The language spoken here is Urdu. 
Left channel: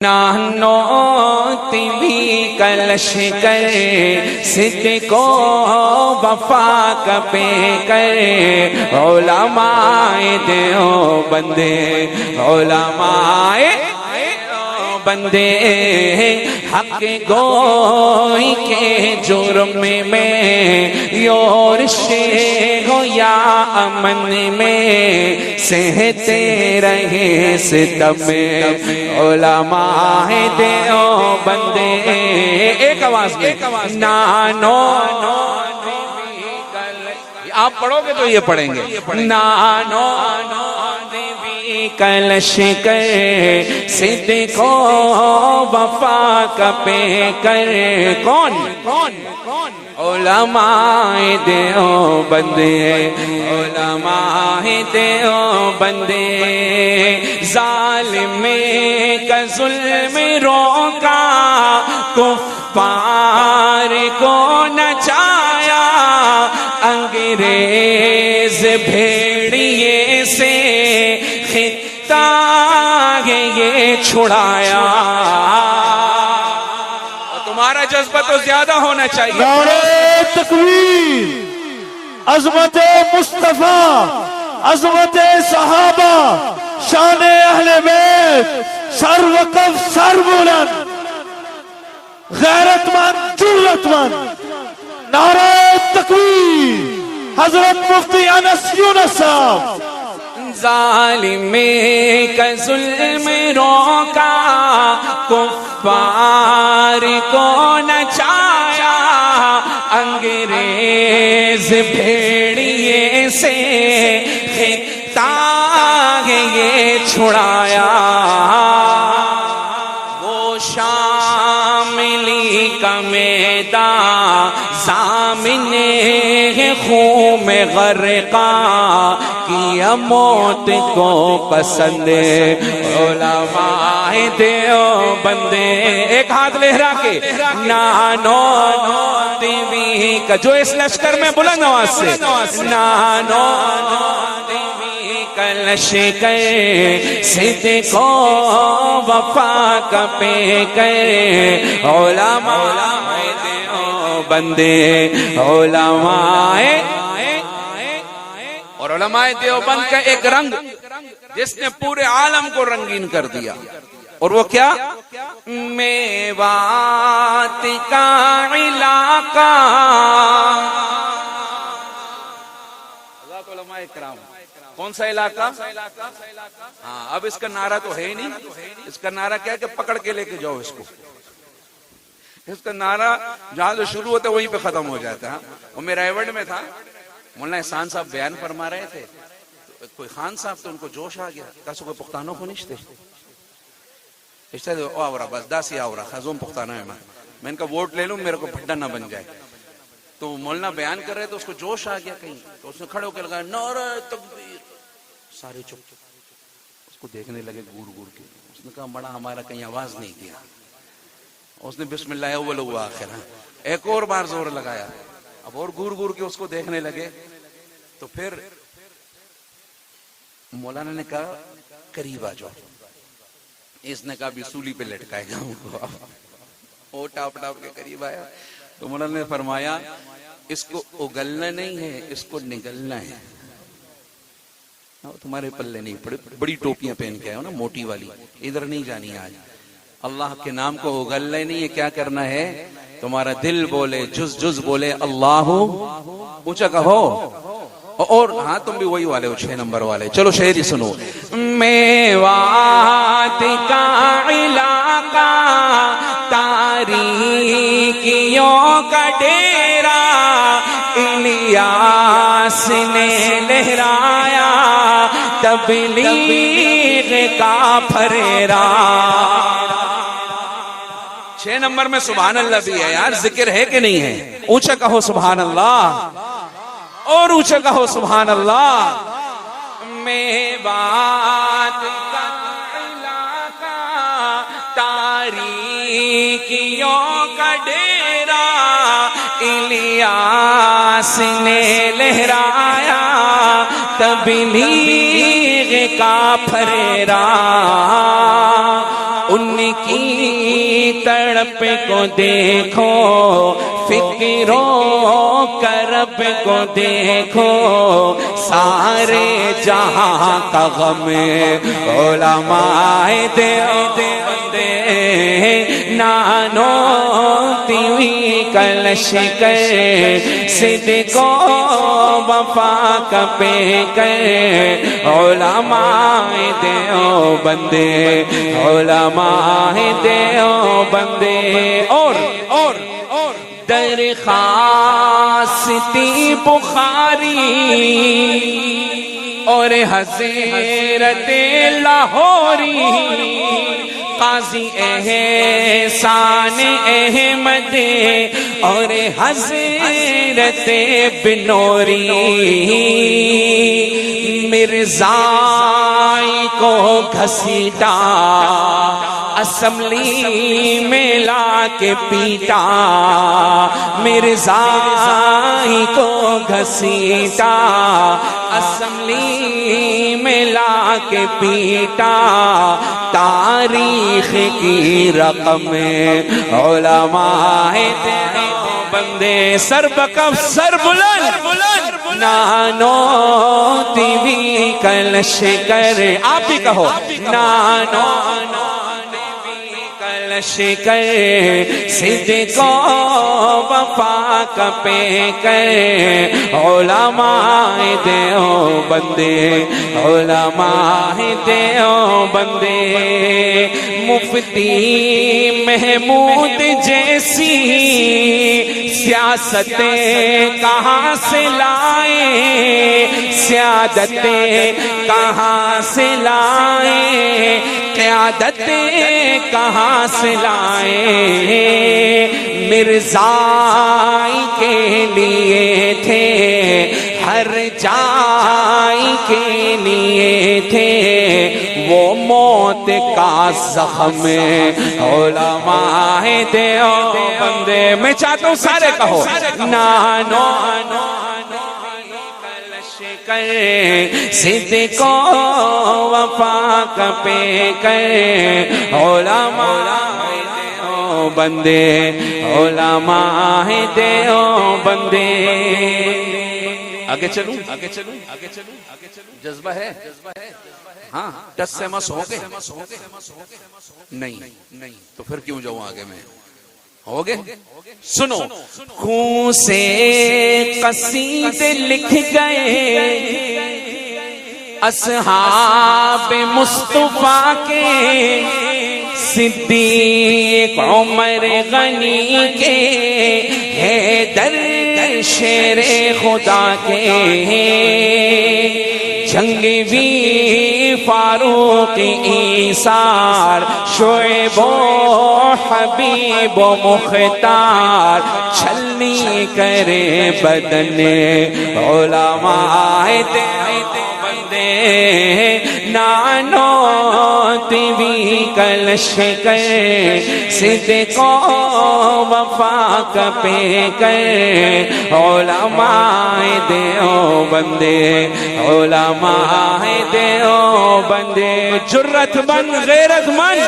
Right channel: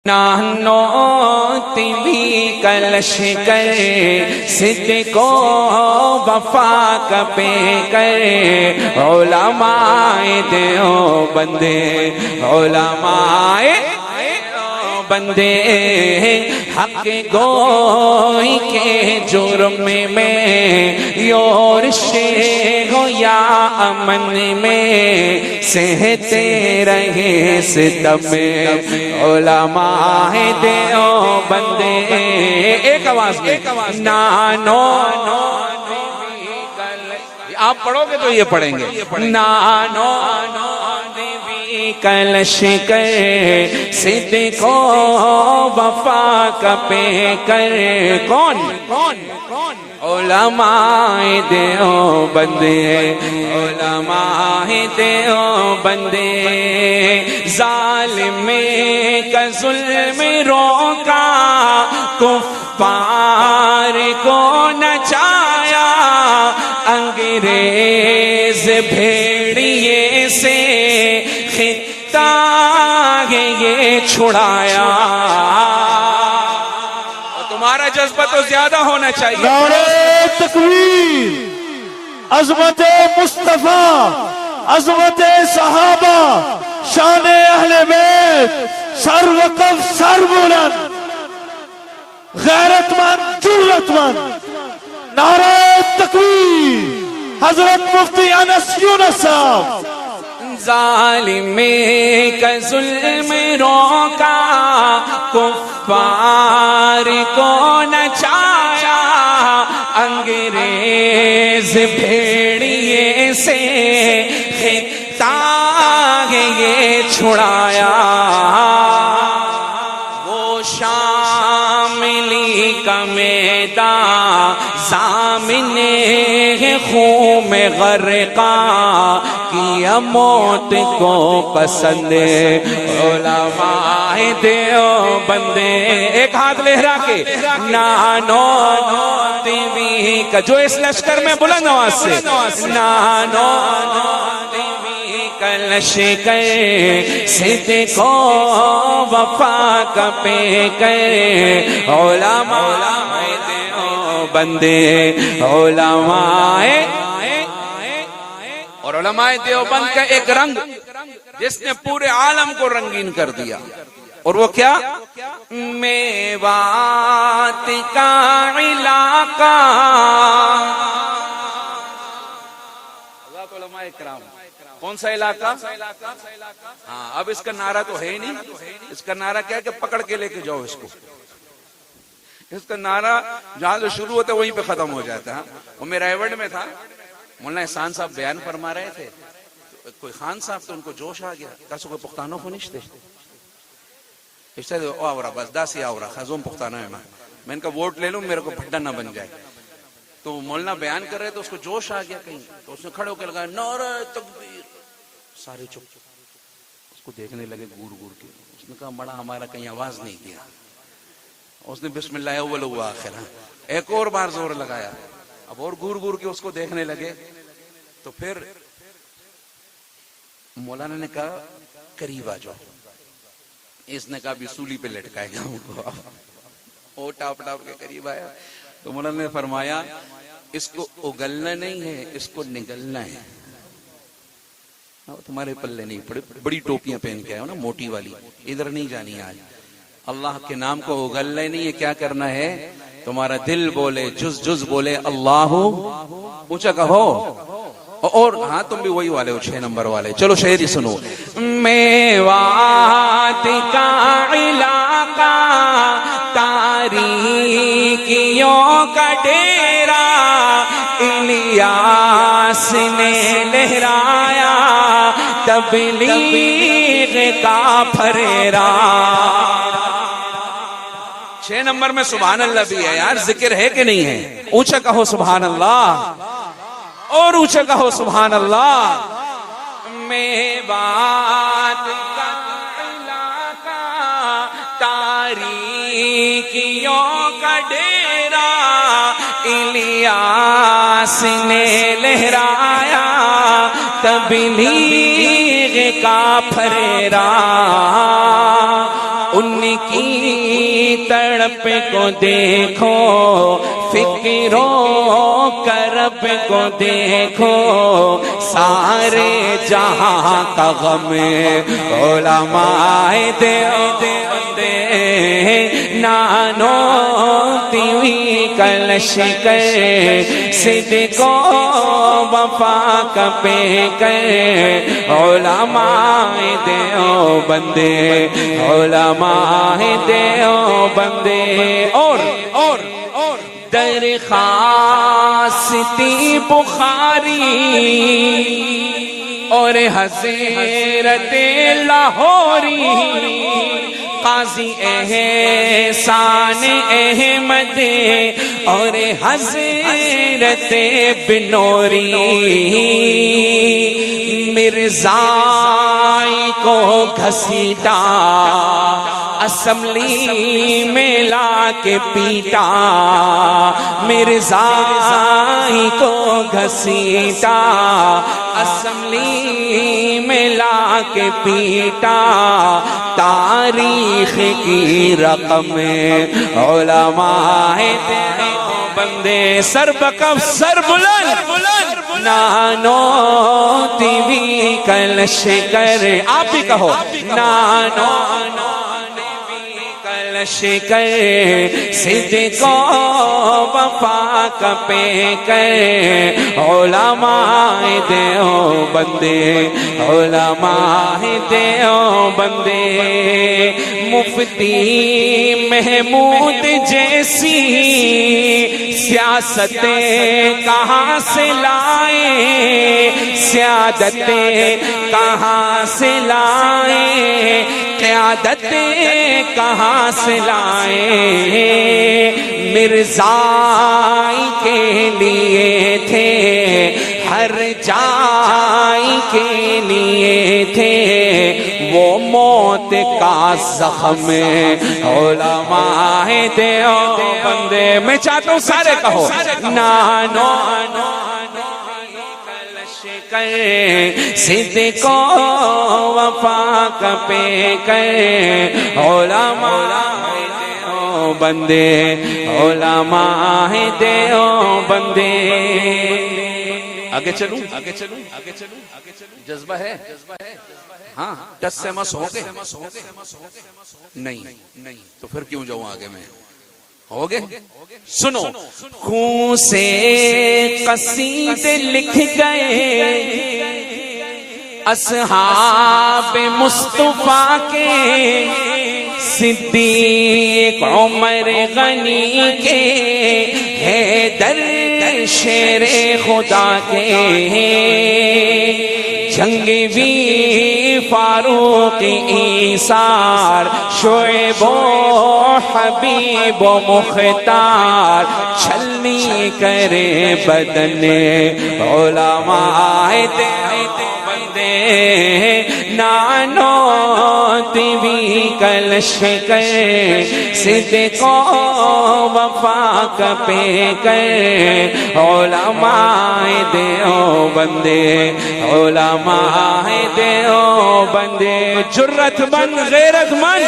نانو تیوی کلش کر صدق و وفا کبے کر علماء دیوبند علماء دیوبند حق گوئی کے جرم میں یورشے ہو یا امن میں سہتے رہے ستم علماء دیوبند ایک آواز نانو آپ پڑھو گے تو یہ پڑھیں گے نانو کلش کر صدق و وفا کبے کر کون علماء دیوبند علماء دیوبند ظالم کا ظلم روکا کفار کو نچایا انگریز بھیڑیے سے خطہ یہ چھڑایا تمہارا جذبہ تو زیادہ ہونا چاہیے نعرہ تکبیر عظمت مصطفیٰ عظمت صحابہ شان اہل بیت سر وقف سر بلند غیرت مند جرأت مند نعرہ تکبیر حضرت مفتی انس یونس صاحب ظالم کا ظلم روکا کفار کو نچایا انگریز بھیڑیے سے خطہ یہ چھڑایا وہ شاملی کا میدان سامنے خون میں غرقا کیا موت کو پسند علماء دیوبند ایک ہاتھ لہرا کے نانو تیوی کا جو اس لشکر میں بلند آواز سے نانو تیوی کلش کر صدق و وفا کبے کر علماء دیوبند علماء علماء دیوبند کا ایک رنگ جس نے پورے عالم کو رنگین کر دیا اور وہ کیا میوات کا علاقہ کون سا علاقہ اب اس کا نعرہ تو ہے ہی نہیں اس کا نعرہ کیا ہے کہ پکڑ کے لے کے جاؤ اس کو اس کا نعرہ جہاں سے شروع ہوتا وہیں پہ ختم ہو جاتا وہ میرا ایونٹ میں تھا مولانا احسان صاحب بیان فرما رہے تھے کوئی خان صاحب تو ان کو جوش آ گیا کس وہ پختانوں کو نشتے اس سے آورا بس داسی آورا خزوں پختانوں میں ان کا ووٹ لے لوں میرے کو پھٹا نہ بن جائے تو مولانا بیان کر رہے تو اس کو جوش آ گیا کہیں تو اس نے کھڑے ہو کر لگایا نعرہ تکبیر سارے چپ اس کو دیکھنے لگے گور گور کی اس نے کہا بڑا ہمارا کہیں آواز نہیں دیا اس نے بسم اللہ اول ہوا آخر ایک اور بار زور لگایا اب اور گور گور کے اس کو دیکھنے لگے تو پھر مولانا نے کہا قریب آ جاؤ اس نے کہا سولی پہ لٹکائے جاؤں گا ٹاپ ٹاپ کے قریب آیا تو مولانا نے فرمایا اس کو اگلنا نہیں ہے اس کو نگلنا ہے تمہارے پلے نہیں پڑے بڑی ٹوپیاں پہن کے نا موٹی والی ادھر نہیں جانی آج اللہ کے نام کو اگلنا ہی نہیں ہے کیا کرنا ہے تمہارا دل بولے جز جز بولے اللہ اونچا کہو اور ہاں تو بھی وہی والے ہو 6 نمبر والے چلو شہری سنو میوات کا علاقہ تاریکیوں کا ڈیرا الیاس نے لہرایا تبلیغ کا پھریرا 6 نمبر میں سبحان اللہ بھی ہے یار ذکر ہے کہ نہیں ہے اونچا کہو سبحان اللہ اور اونچا کہو سبحان اللہ میوات کا علاقہ تاریکیوں کا ڈیرا الیاس نے لہرایا تبلیغ کا پھریرا ان کی تڑپ کو دیکھو، فکر و کرب کو دیکھو، سارے جہاں کا غم علماء دیوبند نانو تیوی کلش کر صدق و وفا کا پے کر علماء دیوبند علماء دیوبند اور درخواستی بخاری اور حضرت لاہوری قاضی احسان احمد اور حضرت بنوری مرزائی کو گھسیٹا اسمبلی میں لا کے پیٹا، مرزائی کو گھسیٹا اسمبلی میں لا کے پیٹا، تاریخ کی رقم علماء دیوبند سر بکف سر بلند نانو تیوی کلش کر، آپ ہی کہو نانو کر صدق و وفا کا پے کر علماء دیوبند علماء دیوبند مفتی محمود جیسی سیاست کہاں سے لائے، سیادت کہاں سے لائے، قیادت کہاں سے لائے، مرزائی کے لیے تھے، ہر جائی کے لیے تھے، وہ موت کا زخم علماء دیوبند میں چاہتا ہوں سارے کہو نانو صدق و وفا کا پے کر علماء دیوبند علماء دیوبند آگے چلوں جذبہ ہے ہاں ٹس سے مس ہو گے نہیں تو پھر کیوں جاؤں آگے میں ہو گے سنو خون سے قصیدے لکھ گئے اصحاب مصطفیٰ کے، صدیق عمر غنی کے، حیدر شیر خدا کے، جنگی فاروق ایثار، شعیب و حبیب و مختار، چھلنی کرے بدن علماء دیوبند نانو تیوی کلش کر صدق و وفا کا پے کر علماء دیوبند علماء دیوبند جرت مند غیرت مند